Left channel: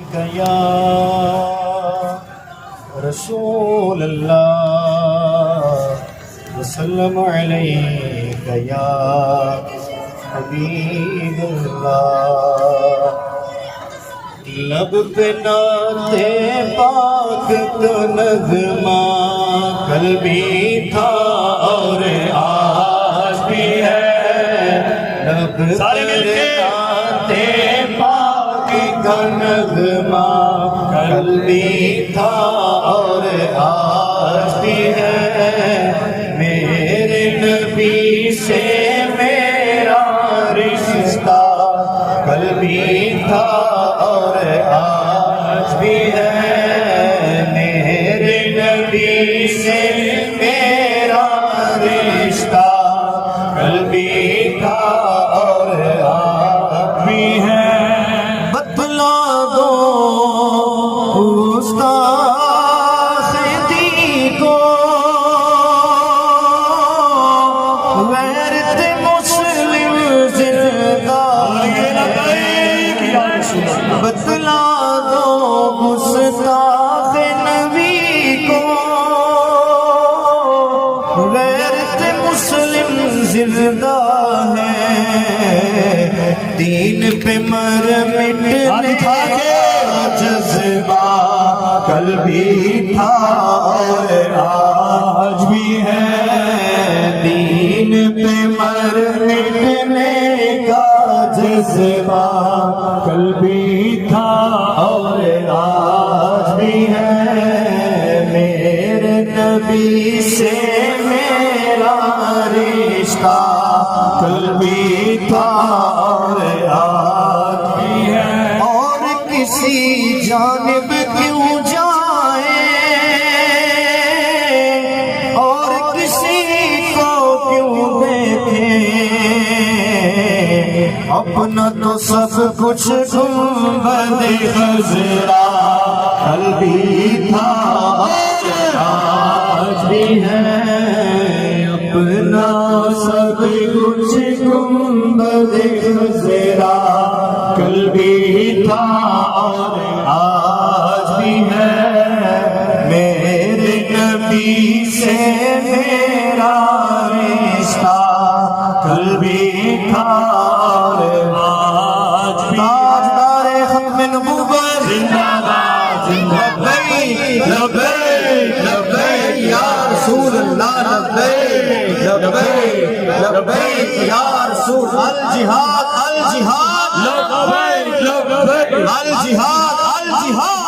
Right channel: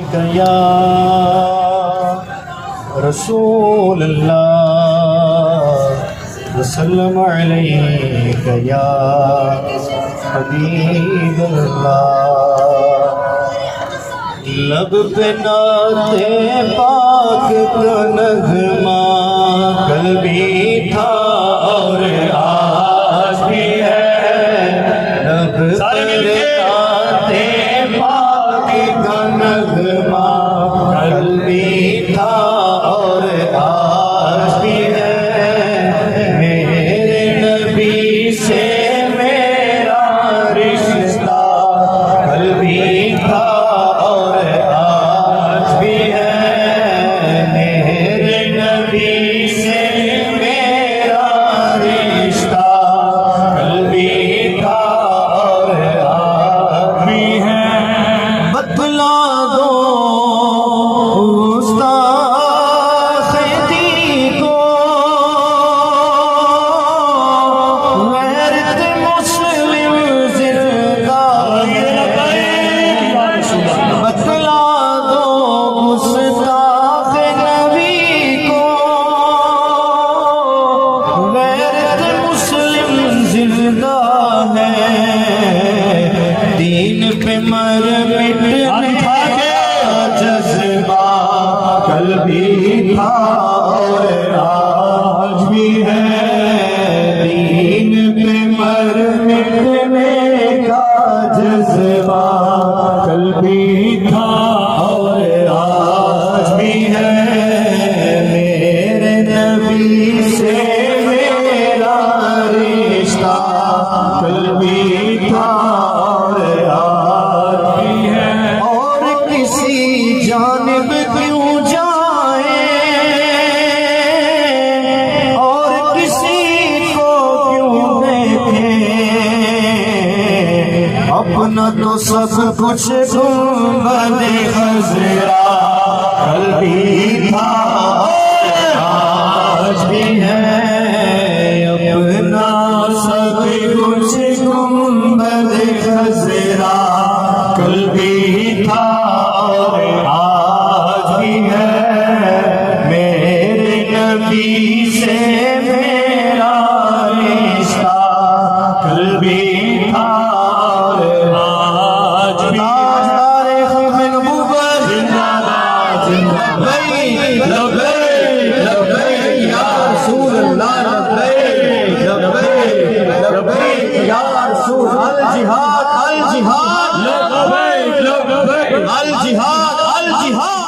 یا رسول اللہ وسلم علیک یا حبیب اللہ لب پہ نعت پاک کا نغمہ کل بھی تھا اور آج بھی ہے لب پہ نعت پاک کا نغمہ کل بھی تھا اور آج بھی ہے میرے نبی سے میرا رشتہ کل بھی تھا اور آج بھی ہے میرے نبی سے میرا رشتہ کل بھی تھا اور آج بھی ہے بتلا دو دین پہ مر مٹنے کا جذبہ کل بھی تھا اور آج بھی ہے دین پہ مر مٹنے کا جذبہ کل بھی تھا اور آج بھی ہے میرے نبی سے میرا رشتہ کل بھی تھا اور آج بھی ہے اور کسی جانب کیوں جائیں اور کسی کو کیوں دیکھیں اپنا تو سب کچھ گنبد خضرا کل بھی تھا اور آج بھی ہے اپنا سب کچھ گنبد خضرا کل بھی تھا اور آج بھی ہے میرے نبی سے میرا رشتہ کل بھی تھا اور آج بھی تاجدار ختم نبوت لبیک لبیک لبیک یا رسول اللہ لبیک لبیک لبیک یا رسول الجہاد الجہاد لبیک لبیک الجہاد الجہاد